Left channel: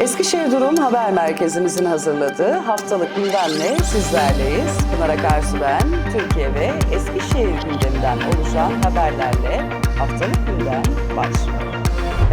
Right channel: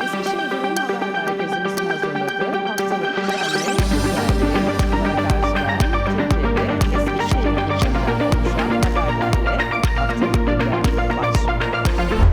Eskişehir Durum Haber Merkezimizin hazırladığı haftalık gündemle sizlerleyiz. Pınar Akarsu Türkiye ve Eskişehir gündeminden oluşan haberlerle haftalık gündem başlıyor.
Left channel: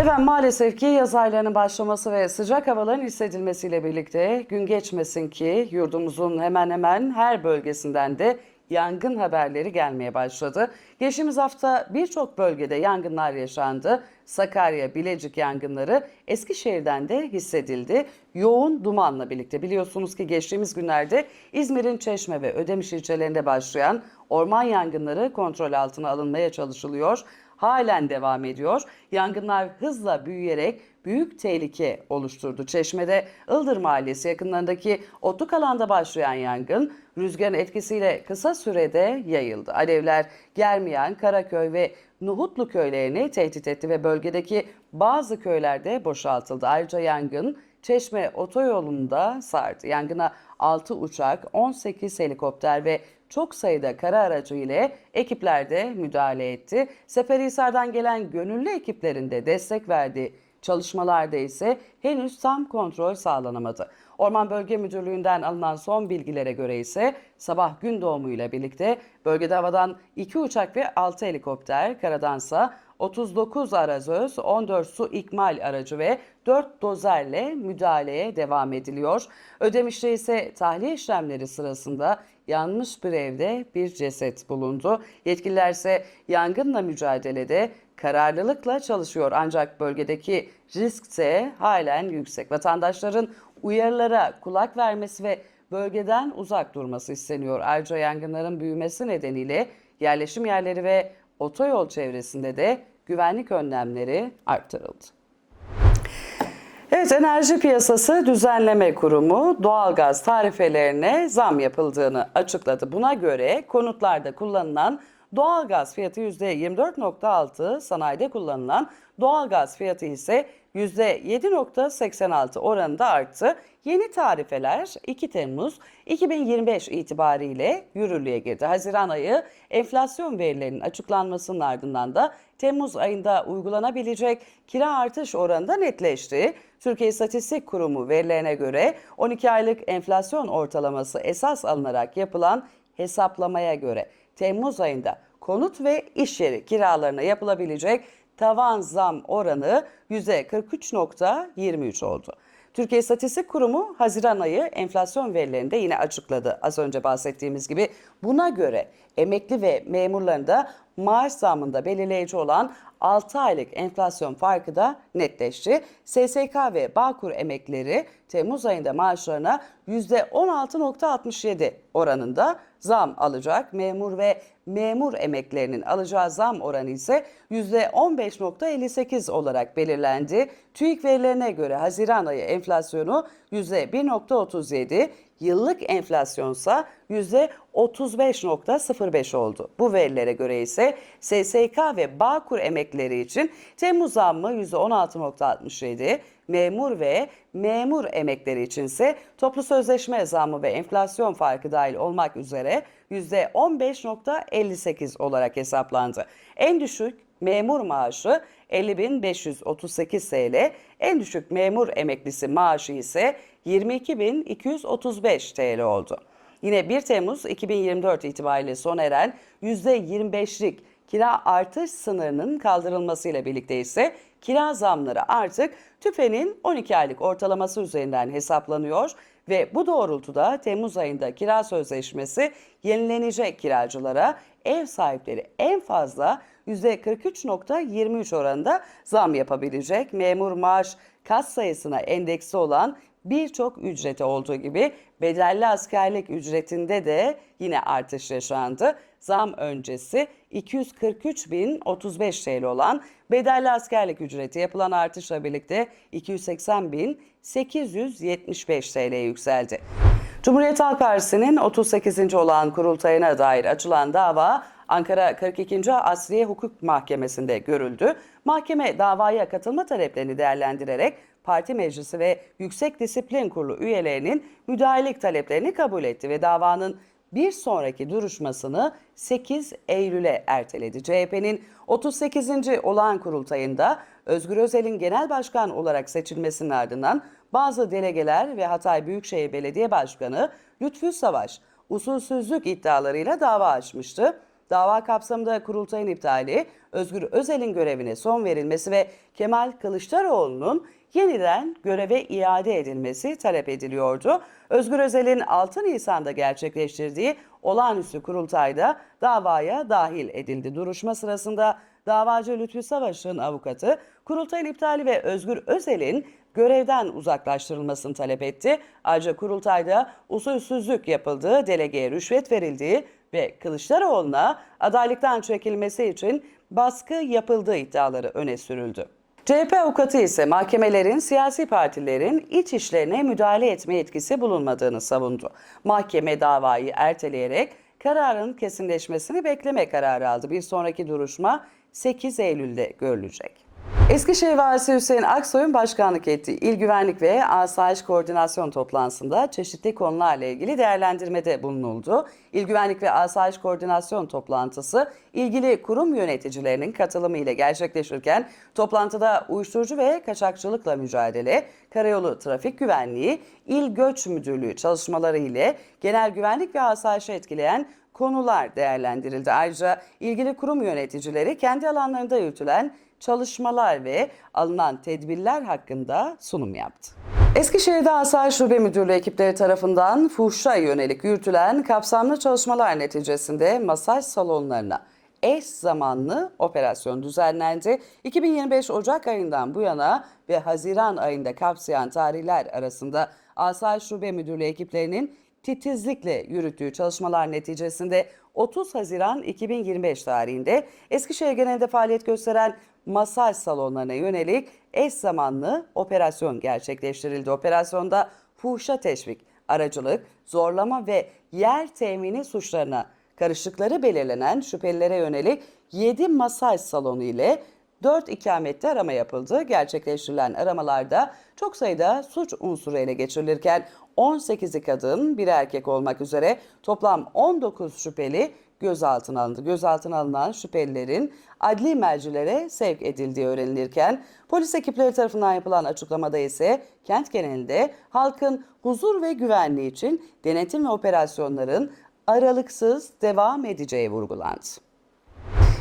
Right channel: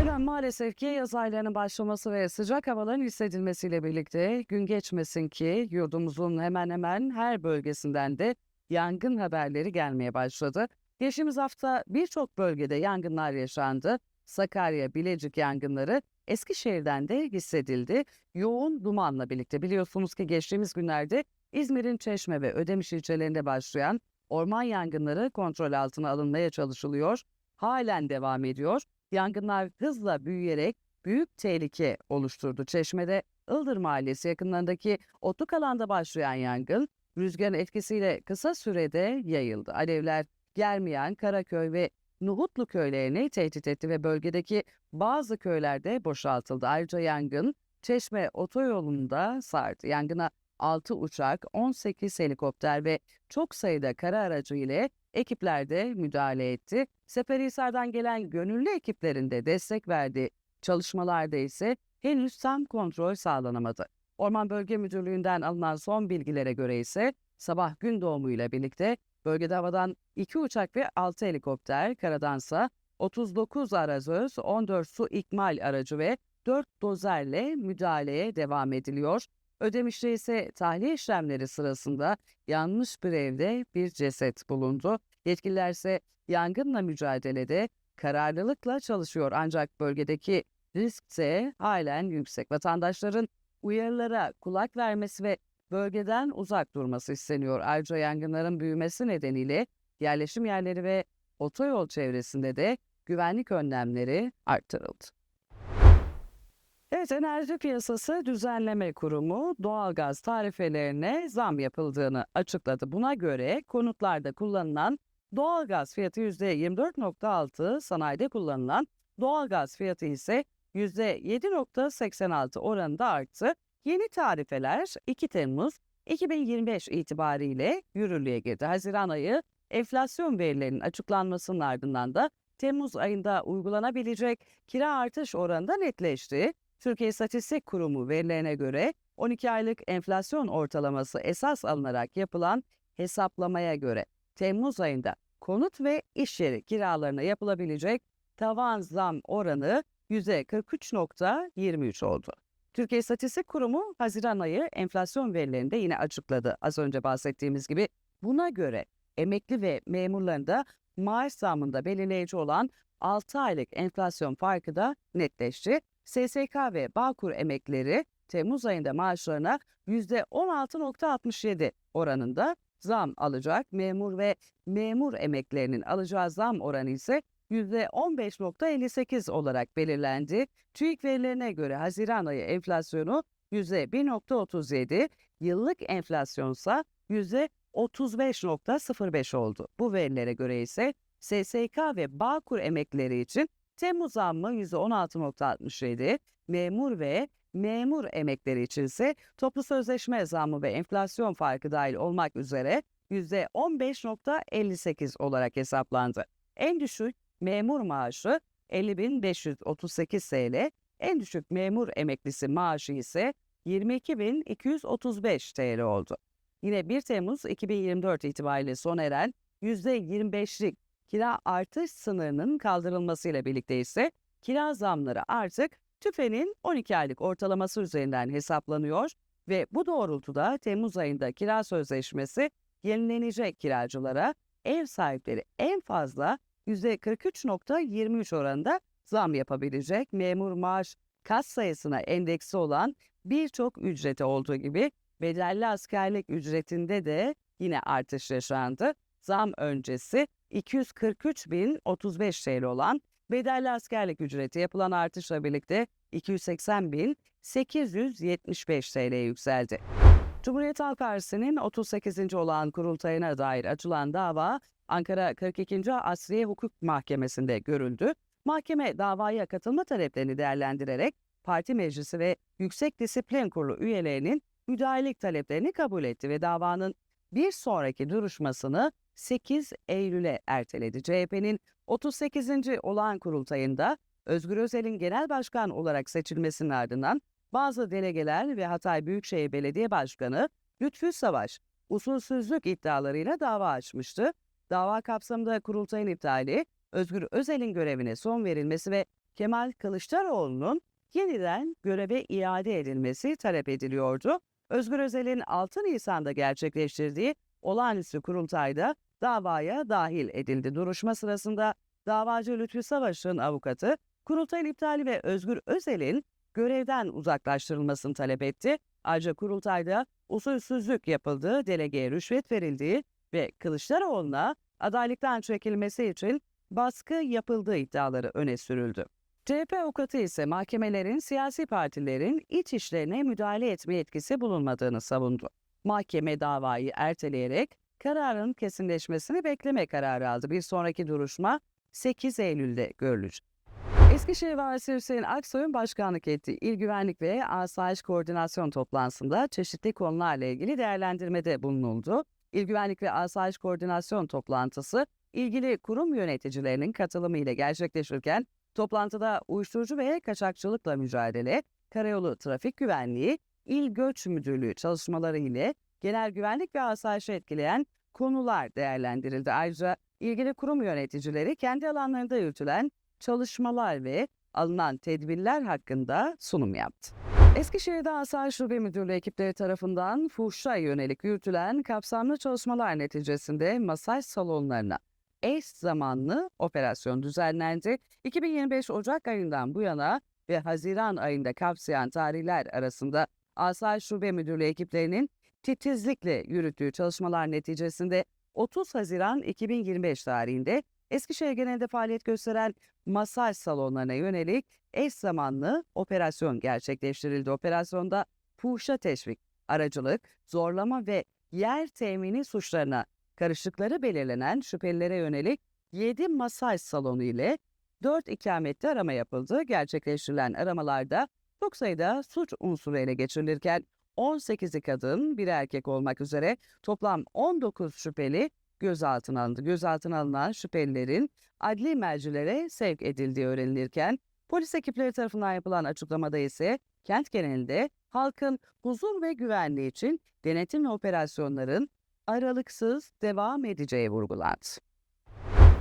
Efendim maalesef ki yaz aylarının başlaması ve sıcak havaların hissedilmesiyle birlikte gün geçmesin ki yurdumuzun hemen hemen her bölgesinden de yangın haberleri gelmeye başladı. Geçtiğimiz hafta birçok bölgede yangınlar yaşandı. Sakarya, Bilecik yangınları Eskişehir'den de hissedildi. Yoğun dumanla birlikte biliyorsunuz ki geçtiğimiz günlerde İzmir'in Çeşme ve Ödemiş ilçelerinde başlayan orman yangınları kontrol altına alınmaya çalışılıyor. Halen devam ediyor. Yangınlar hızla büyüyerek büyük tehlike oluşturdu. Çeşme'de Ildır Mahallesi yakınlarındaki otluk alanda başlayan yangın rüzgarın etkisiyle kısa sürede yayıldı. Alevler Germiyan, Karaköy ve Nuhutlu köylerini tehdit etti ve bölgedeki bazı köylerde boşaltıldı. Ayrıca yangın Çeşme otoyolunda sardı. Yangına 6 uçak, 18 helikopter ve çok sayıda kara aracı ile ekipler de müdahale etti. Seferihisar'dan gelen gönüllü ekiplerin de destek verdiği çalışmalarda ise henüz tam kontrol sağlanamadı. Orman Bölge Müdürlüğü'nden alınan son bilgilere göre ise sabah gün doğumuyla birlikte bölgede havadan 2 uçak ve 6 helikopter, karadansa 39 arazöz, 14 su ikmal aracı ve 4 dozerle müdahaleye devam ediliyor. Ödemiş'te ise tahliye işlemleri sırasında yanmış bir evde bir ceset bulundu. Yetkililer ise yangınla mücadelede kararlılıkla çalışıyor ancak bölgedeki risk ise halen yüksek. Vatandaşların uyarılara kulak vermesi ve bölgeden uzak durması isteniyor. Ayrıca yangınların büyümesi nedeniyle yerleşim yerleri ve otoyol çevresinde de güvenlik önlemleri arttırıldı. Evet, Enerji Piyasası Düzenleme Kurumu doğalgaz tarifelerine zam yapıldığını açıkladı. Buna göre konutlarda kullanılan doğalgaz fiyatı %24.6, sanayide kullanılan doğalgaz fiyatı ise %7.86 oranında arttı. Yeni tarifeler 2 Temmuz 2025 itibariyle yürürlüğe girdi. Haziran ayı enflasyon verilerinin açıklanmasının ardından da Temmuz ayında uygulanabilecek kira artış oranı da netleşti. Türkiye İstatistik Kurumu verilerine göre 12 aylık enflasyon ortalaması esas alınarak yapılan hesaplamaya göre Temmuz ayında konut ve iş yeri kiralarına yapılabilecek tavan zam oranı %43.23 oldu. Türkiye İstatistik Kurumu Haziran ayı enflasyon verilerini de yine açıkladı. Az önce bahsettiğimiz gibi buna göre emekli ve memurların da maaş zamında belirleyici olan 6 aylık enflasyon farkı da netleşti. SSK ve Bağkur emeklileri Temmuz ayında maaşlarına %16.67 oranında zam alacak. Memur ve memur emeklerinin alacağı zam oranı ise %15.58 olarak belirlendi. TÜİK verilerine göre Haziran ayı enflasyonu %1.37, yıllık enflasyonsa %35.05 oldu. Bu verilere göre ise SSK ve Bağkur emekleri için Temmuz zammı %16.67, memur ve memur emekleri içinse toplu sözleşme zammı ve enflasyon farkı dahil olmak üzere %15.58 olarak hesaplandı. En düşük memur maaşı 50.538 TL, en düşük memur emeklisi maaşı ise 22.235 TL oldu. Yine 1 Temmuz 2024 itibariyle sona eren %25'lik kira artış sınırının kaldırılmasıyla birlikte ise kira zamları artık TÜFE'nin 12 aylık ortalaması üzerinden hesaplanıyor ve bu doğrultuda Temmuz ayında kira sözleşmesi yenilenecek kiracılara ev sahipleri en fazla %43.23 oranında zam yapabilecek. Memur maaş kat sayısına endeksi olan birçok ücreti olduğu gibi bedelli askerlik ücretinde de yine artış yaşandı. Zam öncesi 243.035 TL olan bedelli askerlik ücreti yapılan artışla birlikte 280.875 TL'ye yükseldi. Cumhuriyet Halk Partisi'nin 38. olan kurultayına dair açılan dava Ankara 42. Asliye Hukuk Mahkemesi'nde görüldü. Mahkeme davaya katılma taleplerini değerlendirerek parti meclisi ve Yüksek Disiplin Kurulu üyelerinin müdahalelik taleplerini kabul etti ve davanın bir sonraki duruşmasını 8 Eylül'e erteledi. CHP'nin 38. olağan kurultayında Özgür Özel'in genel başkan olarak seçilmesinin ardından bazı delegeler ve Hatay Büyükşehir Belediye Başkanı Lütfü Savaş usulsüzlük iddialarıyla dava açmıştı. Dava kapsamında kurultayın iptali, Özgür Özel'in görevine son verilmesi ve Kemal Kılıçdaroğlu'nun yeniden göreve iade edilmesi talep ediliyordu. Özgür Özel'in 6 Nisan'da gerçekleştirdiği olağanüstü kurultayda davaya dahil edildi. Duruşma sırasında davacı Lütfü Savaş'ın avukatı kurultayın iptali ve Özgür Özel'in görevden uzaklaştırılmasını talep etti. Ayrıca kurultayda usulsüzlük yapıldığı, delegeye rüşvet verildiği ve Kılıçdaroğlu'na adaylıktan çekilmesi için baskı yapıldığı iddiaları öne sürüldü. CHP avukatı ise mahkemelerin siyasi partilerin iç işlerine müdahale etme yetkisi bulunmadığını savundu. Mahkeme davayı erteleyerek kararın kesinleşmesini bekleme kararı aldı. Bir sonraki duruşma 8 Eylül'de görülecek. Eskişehir Valisi Hüseyin Aksoy'un başkanlık ettiği İl Güvenlik ve Asayiş Koordinasyon toplantısında çeşitli konularla ilgili değerlendirmede bulunuldu. İl Güvenlik ve Asayiş Koordinasyon toplantısı ilgili kurum yöneticilerinin katılımı ile gerçekleşirken toplantıda uyuşturucu ve kaçakçılıkla mücadele, karayolu trafik güvenliği, İl Göç Müdürlüğü çalışmaları ile genel güvenlik ve asayişi etkileyen konular değerlendirildi. Ayrıca ilgili kurum yöneticileri kendi alanlarında yürütülen çalışmalar ve alınan tedbirler hakkında sunum yaptı. Eskişehir'de Asayiş Şube Müdürlüğü ekipleri tarafından fuhşa yönelik yürütülen kapsamlı çalışmalar neticesinde masaj salonlarına eş zamanlı operasyon düzenlendi. 2025 Ocak ayından bu yana ve Haziran ayında kapsayan tarihler arasında Asayiş Şube Müdürlüğü ekiplerinin titizlikle yürüttüğü çalışmalar neticesinde 30 Haziran 2025 tarihinde Eskişehir genelinde faaliyet gösteren masaj salonlarına yönelik eş zamanlı operasyon gerçekleştirildi. Operasyonda fuhşa teşvik, aracılık, zorlama ve yer temini suçlarına karışıkları belirlenen şüphelilere yönelik 7 masaj salonu ile 4 ikamette arama yapıldı. Gerçekleştirilen aramalarda çok sayıda suç unsuru ele geçirilirken 18'i kadın, bir erkek olmak üzere toplam 19 şüpheli gözaltına alındı. Gözaltına alınan şüphelilerin adli mercilere sevk edildiği öğrenilirken polis ekipleri tarafından yapılan açıklamada ise kent genelinde halkın huzur ve güvenliği için denetim ve operasyonların aralıksız devam edeceği vurgulandı.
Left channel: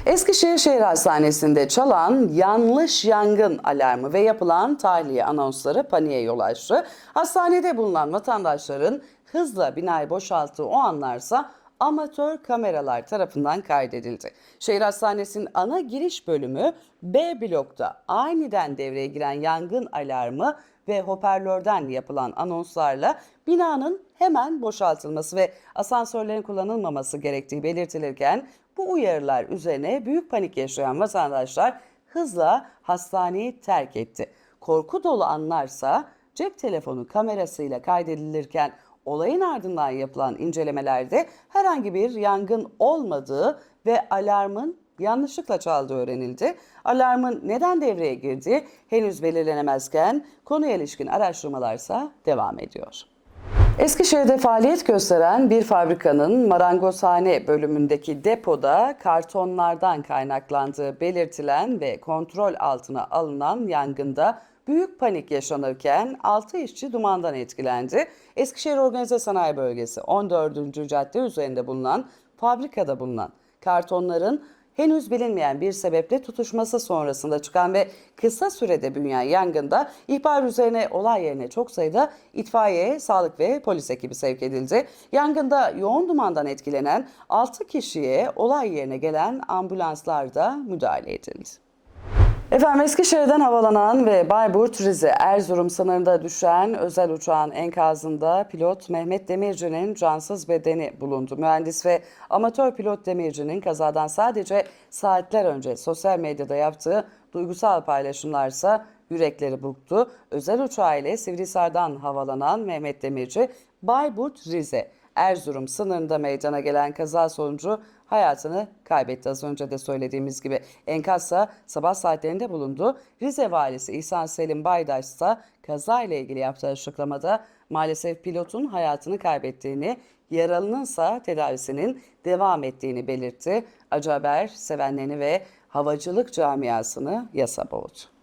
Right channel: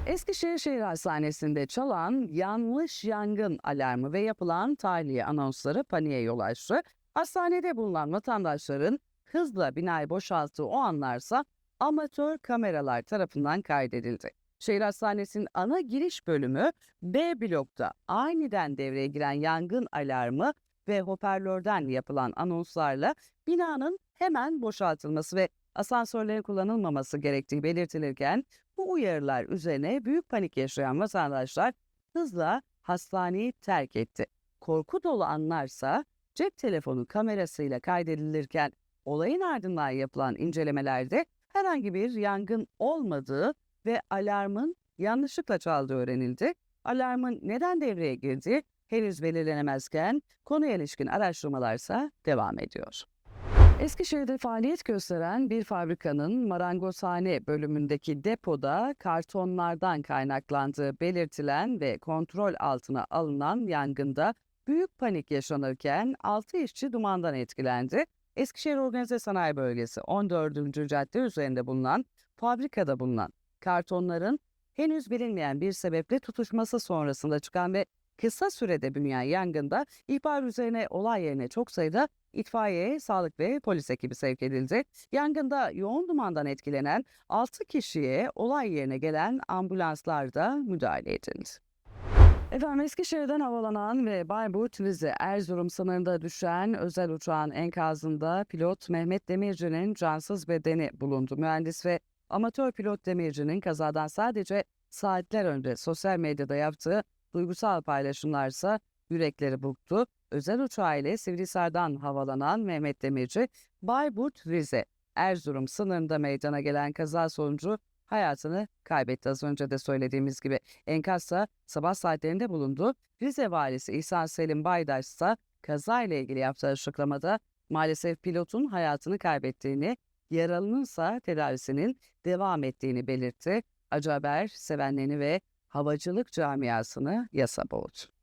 Eskişehir Şehir Hastanesi'nde çalan yanlış yangın alarmı ve yapılan tahliye anonsları paniğe yol açtı. Hastanede bulunan vatandaşların hızla binayı boşalttığı o anlarsa amatör kameralar tarafından kaydedildi. Şehir Hastanesi'nin ana giriş bölümü B blokta aniden devreye giren yangın alarmı ve hoparlörden yapılan anonslarla binanın hemen boşaltılması ve asansörlerin kullanılmaması gerektiği belirtilirken bu uyarılar üzerine büyük panik yaşayan vatandaşlar hızla hastaneyi terk etti. Korku dolu anlarsa cep telefonu kamerasıyla kaydedilirken olayın ardından yapılan incelemelerde herhangi bir yangın olmadığı ve alarmın yanlışlıkla çaldığı öğrenildi. Alarmın neden devreye girdiği henüz belirlenemezken konuya ilişkin araştırmalarsa devam ediyor. Eskişehir'de faaliyet gösteren bir fabrikanın marangozhane bölümündeki depoda kartonlardan kaynaklandığı belirtilen ve kontrol altına alınan yangında büyük panik yaşanırken 6 işçi dumandan etkilendi. Eskişehir Organize Sanayi Bölgesi 14. cadde üzerinde bulunan fabrikada bulunan kartonların henüz bilinmeyen bir sebeple tutuşması sonrasında çıkan ve kısa sürede büyüyen yangında ihbar üzerine olay yerine çok sayıda itfaiye, sağlık ve polis ekibi sevk edildi. Yangında yoğun dumandan etkilenen 6 kişiye olay yerine gelen ambulanslarda müdahale edildi. Efendim Eskişehir'den havalanan ve Bayburt, Rize, Erzurum sınırında düşen özel uçağın enkazında pilot Mehmet Demirci'nin cansız bedeni bulundu. Mühendis ve amatör pilot Demirci'nin kazadan sadece saatler önce sosyal medyada yaptığı duygusal paylaşımlarsa yürekleri burktu. Özel uçağı ile Sivrihisar'dan havalanan Mehmet Demirci, Bayburt, Rize, Erzurum sınırında meydana gelen kaza sonucu hayatını kaybetti. Az önce de söylediğimiz gibi enkazsa sabah saatlerinde bulundu. Rize valisi İhsan Selim Baydaş ise kazayla ilgili yaptığı açıklamada maalesef pilotun hayatını kaybettiğini, yaralının ise tedavisinin devam ettiğini belirtti. Acı haber sevenlerini ve havacılık camiasını yasa boğdu.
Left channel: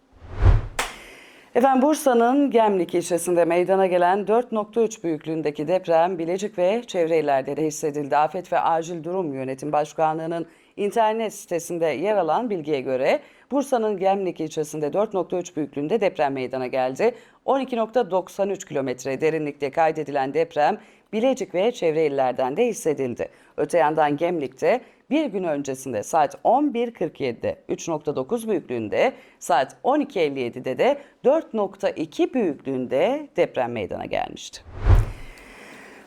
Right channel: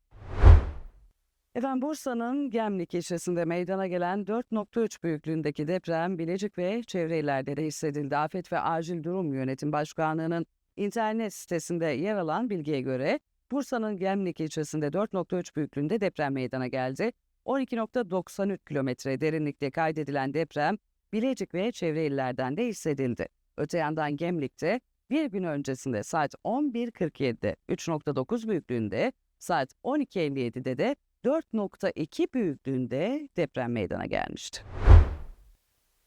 Efendim Bursa'nın Gemlik ilçesinde meydana gelen 4.3 büyüklüğündeki deprem Bilecik ve çevre illerde de hissedildi. Afet ve Acil Durum Yönetim Başkanlığı'nın internet sitesinde yer alan bilgiye göre Bursa'nın Gemlik ilçesinde 4.3 büyüklüğünde deprem meydana geldi. 12.93 kilometre derinlikte kaydedilen deprem Bilecik ve çevre illerden de hissedildi. Öte yandan Gemlik'te bir gün öncesinde saat 11.47'de 3.9 büyüklüğünde, saat 12.57'de de 4.2 büyüklüğünde deprem meydana gelmişti.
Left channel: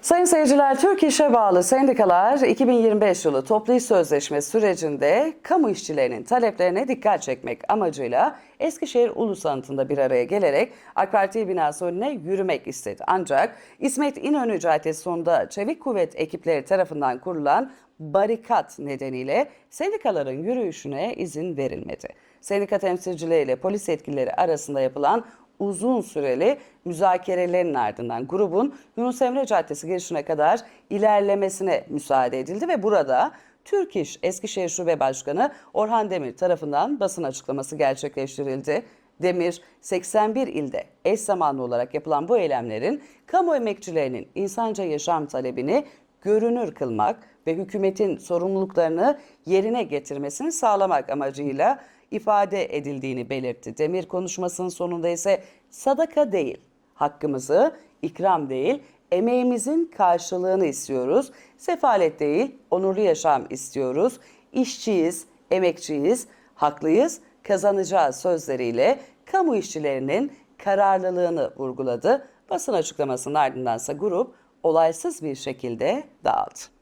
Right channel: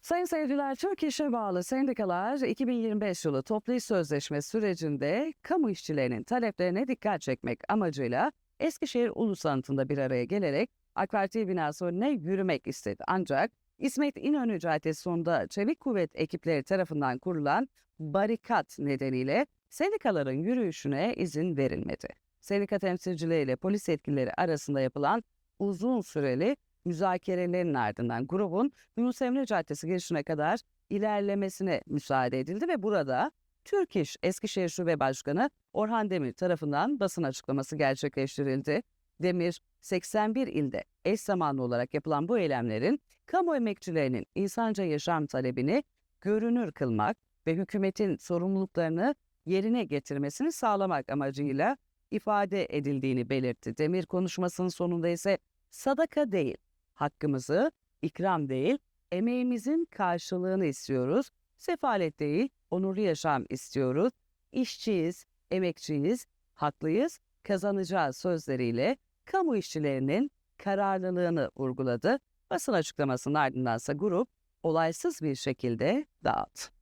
Sayın seyirciler, Türk İş'e bağlı sendikalar 2025 yılı toplu iş sözleşme sürecinde kamu işçilerinin taleplerine dikkat çekmek amacıyla Eskişehir Ulus Anıtı'nda bir araya gelerek AK Parti binası önüne yürümek istedi. Ancak İsmet İnönü Caddesi sonunda Çevik Kuvvet ekipleri tarafından kurulan barikat nedeniyle sendikaların yürüyüşüne izin verilmedi. Sendika temsilcileriyle polis yetkilileri arasında yapılan uzun süreli müzakerelerin ardından grubun Yunus Emre Caddesi girişine kadar ilerlemesine müsaade edildi ve burada Türk İş Eskişehir Şube Başkanı Orhan Demir tarafından basın açıklaması gerçekleştirildi. Demir, 81 ilde eş zamanlı olarak yapılan bu eylemlerin kamu emekçilerinin insanca yaşam talebini görünür kılmak ve hükümetin sorumluluklarını yerine getirmesini sağlamak amacıyla ifade edildiğini belirtti. Demir konuşmasının sonunda ise sadaka değil, hakkımızı, ikram değil, emeğimizin karşılığını istiyoruz. Sefalet değil, onurlu yaşam istiyoruz. İşçiyiz, emekçiyiz, haklıyız, kazanacağız sözleriyle kamu işçilerinin kararlılığını vurguladı. Basın açıklamasının ardındansa grup olaysız bir şekilde dağıldı.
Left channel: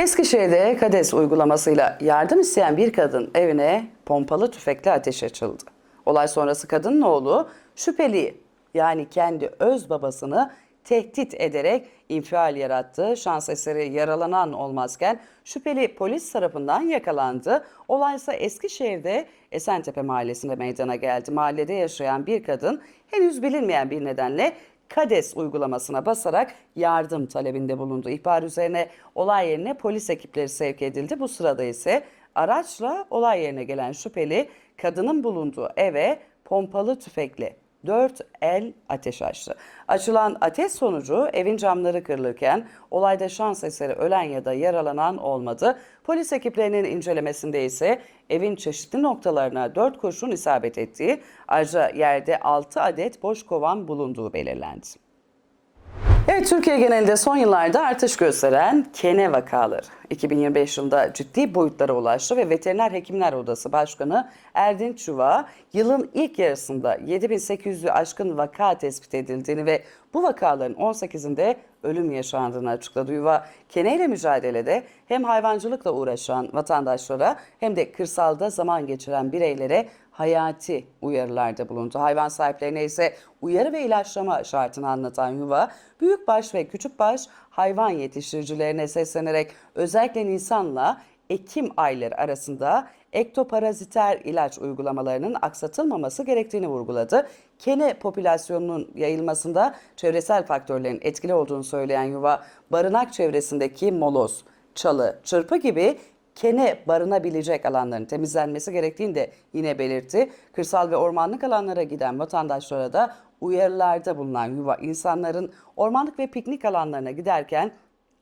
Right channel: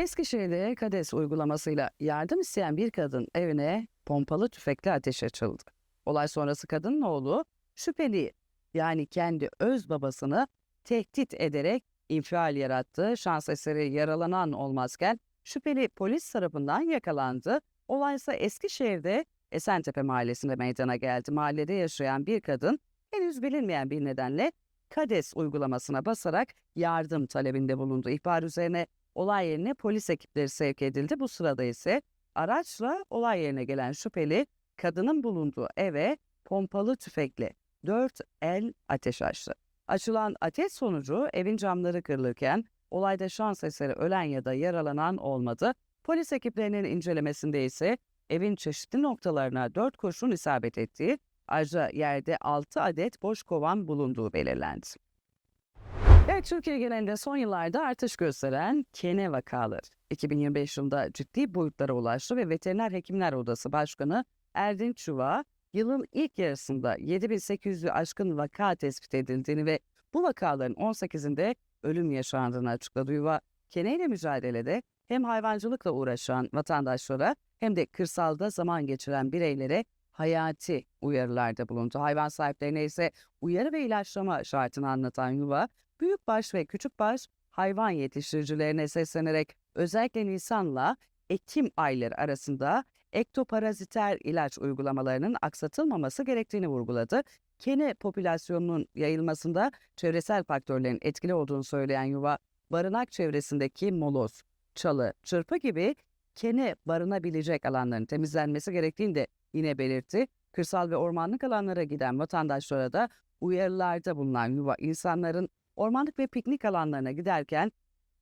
Eskişehir'de KADES uygulamasıyla yardım isteyen bir kadın evine pompalı tüfekle ateş açıldı. Olay sonrası kadının oğlu şüpheli yani kendi öz babasını tehdit ederek infial yarattı. Şans eseri yaralanan olmazken şüpheli polis tarafından yakalandı. Olay ise Eskişehir'de Esentepe mahallesinde meydana geldi. Mahallede yaşayan bir kadın henüz bilinmeyen bir nedenle KADES uygulamasına basarak yardım talebinde bulundu. İhbar üzerine olay yerine polis ekipleri sevk edildi. Bu sırada ise araçla olay yerine gelen şüpheli kadının bulunduğu eve pompalı tüfekle 4 el ateş açtı. Açılan ateş sonucu evin camları kırılırken olayda şans eseri ölen ya da yaralanan olmadı. Polis ekiplerinin incelemesinde ise evin çeşitli noktalarına 4 kurşun isabet ettiği, ayrıca yerde 6 adet boş kovan bulunduğu belirlendi. Evet, Türkiye genelinde son yıllarda artış gösteren kene vakaları 2025 yılında ciddi boyutlara ulaştı ve Veteriner Hekimler Odası Başkanı Erdinç Çuva yılın ilk yarısında 7800'ü aşkın vaka tespit edildiğini ve bu vakaların 18'inde ölüm yaşandığını açıkladı. Yuva keneyle mücadelede hem hayvancılıkla uğraşan vatandaşlara hem de kırsalda zaman geçiren bireylere hayati uyarılarda bulundu. Hayvan sahiplerine ise uyarı ve ilaçlama şartını anlatan yuva, büyükbaş ve küçükbaş hayvan yetiştiricilerine seslenerek özellikle Nisan'la Ekim ayları arasında ektoparaziter ilaç uygulamalarının aksatılmaması gerektiğini vurguladı. Kene popülasyonunun yayılmasında çevresel faktörlerin etkili olduğunu söyleyen yuva, barınak çevresindeki moloz, çalı, çırpı gibi kene barınabilecek alanların temizlenmesi gerektiğini de yine belirtti. Kırsal ve ormanlık alanlara giden vatandaşlara da uyarılarda bulunan yuva insanların ormanlık ve piknik alanlarına giderken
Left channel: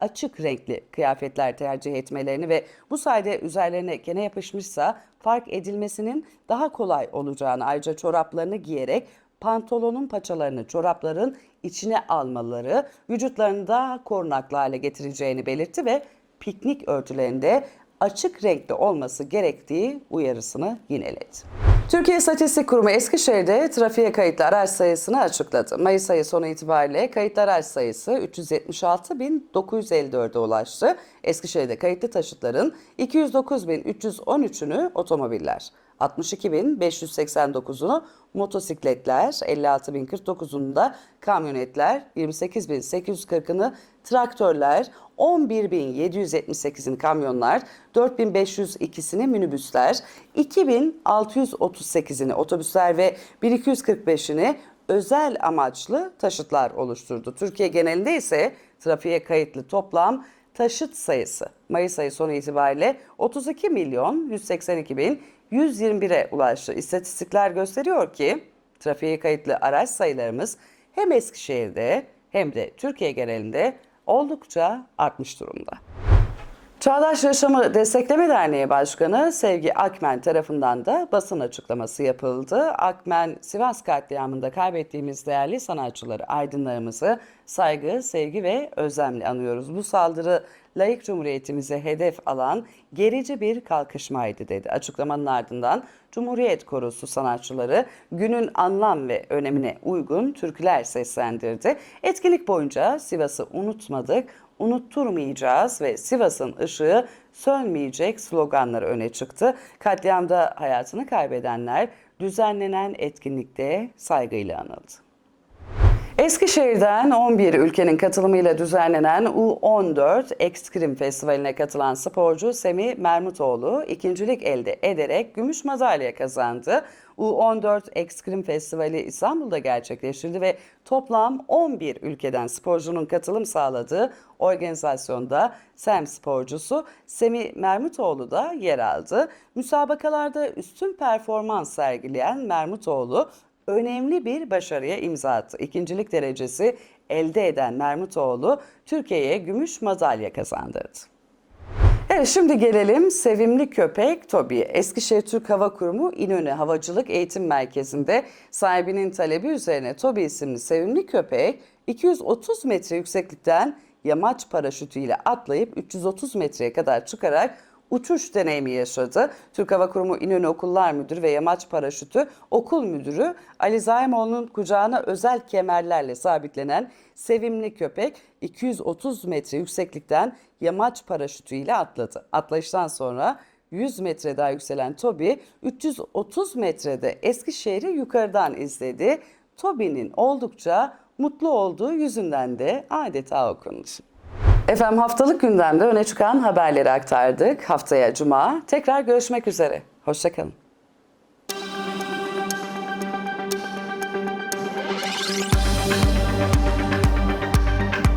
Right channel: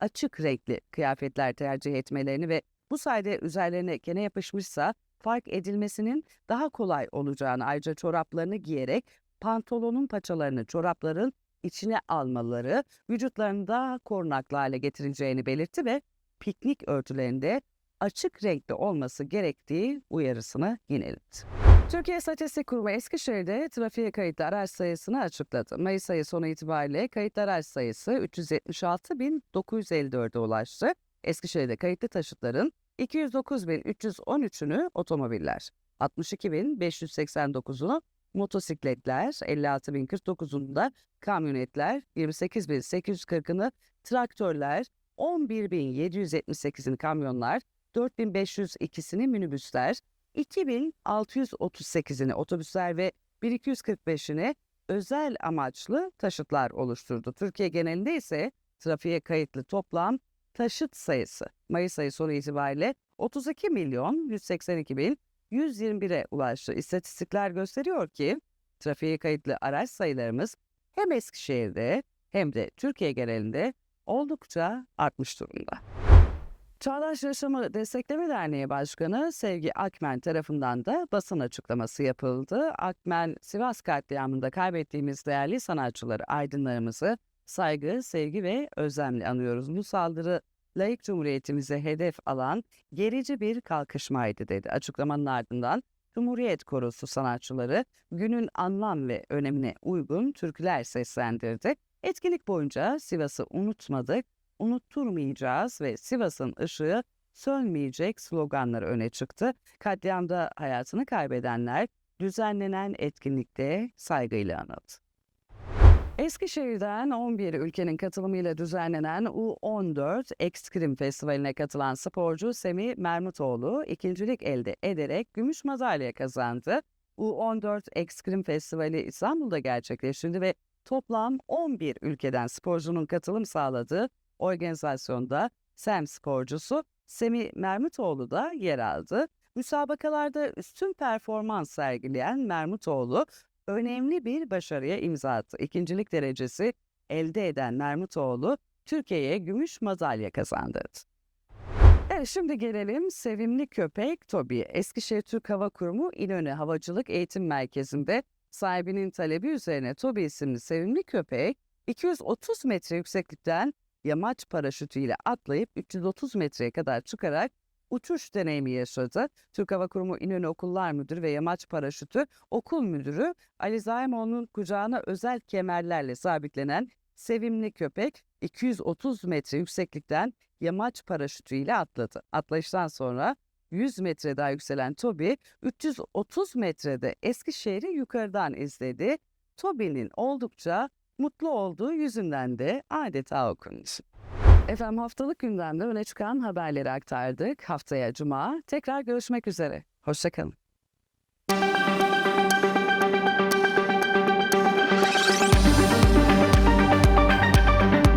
açık renkli kıyafetler tercih etmelerini ve bu sayede üzerlerine kene yapışmışsa fark edilmesinin daha kolay olacağını ayrıca çoraplarını giyerek pantolonun paçalarını çorapların içine almaları vücutlarını daha korunaklı hale getireceğini belirtti ve piknik örtülerinde açık renkli olması gerektiği uyarısını yineledi. Türkiye İstatistik Kurumu Eskişehir'de trafiğe kayıtlı araç sayısını açıkladı. Mayıs ayı sonu itibariyle kayıtlı araç sayısı 376.954'e ulaştı. Eskişehir'de kayıtlı taşıtların 209.313'ünü otomobiller, 62.589'unu motosikletler, 56.049'unu da kamyonetler, 28.840'ını traktörler, 11.778'ini kamyonlar, 4.502'sini minibüsler, 2.638'ini otobüsler ve 1.245'ini özel amaçlı taşıtlar oluşturdu. Türkiye genelinde ise trafiğe kayıtlı toplam taşıt sayısı Mayıs ayı sonu itibariyle 32 milyon 182 bin 121'e ulaştı. İstatistikler gösteriyor ki Trafiğe kayıtlı araç sayılarımız hem Eskişehir'de hem de Türkiye genelinde oldukça artmış durumda. Çağdaş Yaşamı Destekleme Derneği Başkanı Sevgi Akmen tarafından da basın açıklaması yapıldı. Akmen, Sivas katliamında kaybettiğimiz değerli sanatçıları, aydınlarımızı saygı, sevgi ve özlemle anıyoruz. Bu saldırı layık cumhuriyetimize hedef alan gerici bir kalkışmaydı dedi. Açıklamanın ardından Cumhuriyet Korosu sanatçıları günün anlam ve önemine uygun türküler seslendirdi. Etkinlik boyunca Sivas'ı unutmadık, unutturmayacağız ve Sivas'ın ışığı sönmeyecek sloganları öne çıktı. Katliamda hayatını kaybedenler düzenlenen etkinlikte saygıyla anıldı. Eskişehir'den 11 ülkenin katılımıyla düzenlenen U14 Ekskrim Festivali'ne katılan sporcu Semih Mermutoğlu ikincilik elde ederek gümüş madalya kazandı. U14 Ekskrim Festivali İstanbul'da gerçekleştirildi ve toplam 11 ülkeden sporcunun katılım sağladığı organizasyonda SEM sporcusu Semih Mermutoğlu da yer aldı. Müsabakalarda üstün performans sergileyen Mermutoğlu önemli bir başarıya imza attı. İkincilik derecesi elde eden Mermutoğlu Türkiye'ye gümüş madalya kazandırdı. Evet şimdi gelelim sevimli köpek Tobi'ye. Eskişehir Türk Hava Kurumu İnönü Havacılık Eğitim Merkezi'nde sahibinin talebi üzerine Tobi isimli sevimli köpek 230 metre yükseklikten yamaç paraşütüyle atlayıp 330 metreye kadar çıkarak uçuş deneyimi yaşadı. Türk Hava Kurumu İnönü Okullar Müdürü ve Yamaç Paraşütü Okul Müdürü Ali Zaimoğlu'nun kucağına özel kemerlerle sabitlenen sevimli köpek 230 metre yükseklikten yamaç paraşütüyle atladı. Atlayıştan sonra 100 metre daha yükselen Toby 330 metrede Eskişehir'i yukarıdan izledi. Toby'nin oldukça mutlu olduğu yüzünden de adeta okundu. Efendim haftalık gündemde öne çıkan haberleri aktardık. Haftaya Cuma tekrar görüşmek üzere. Hoşçakalın.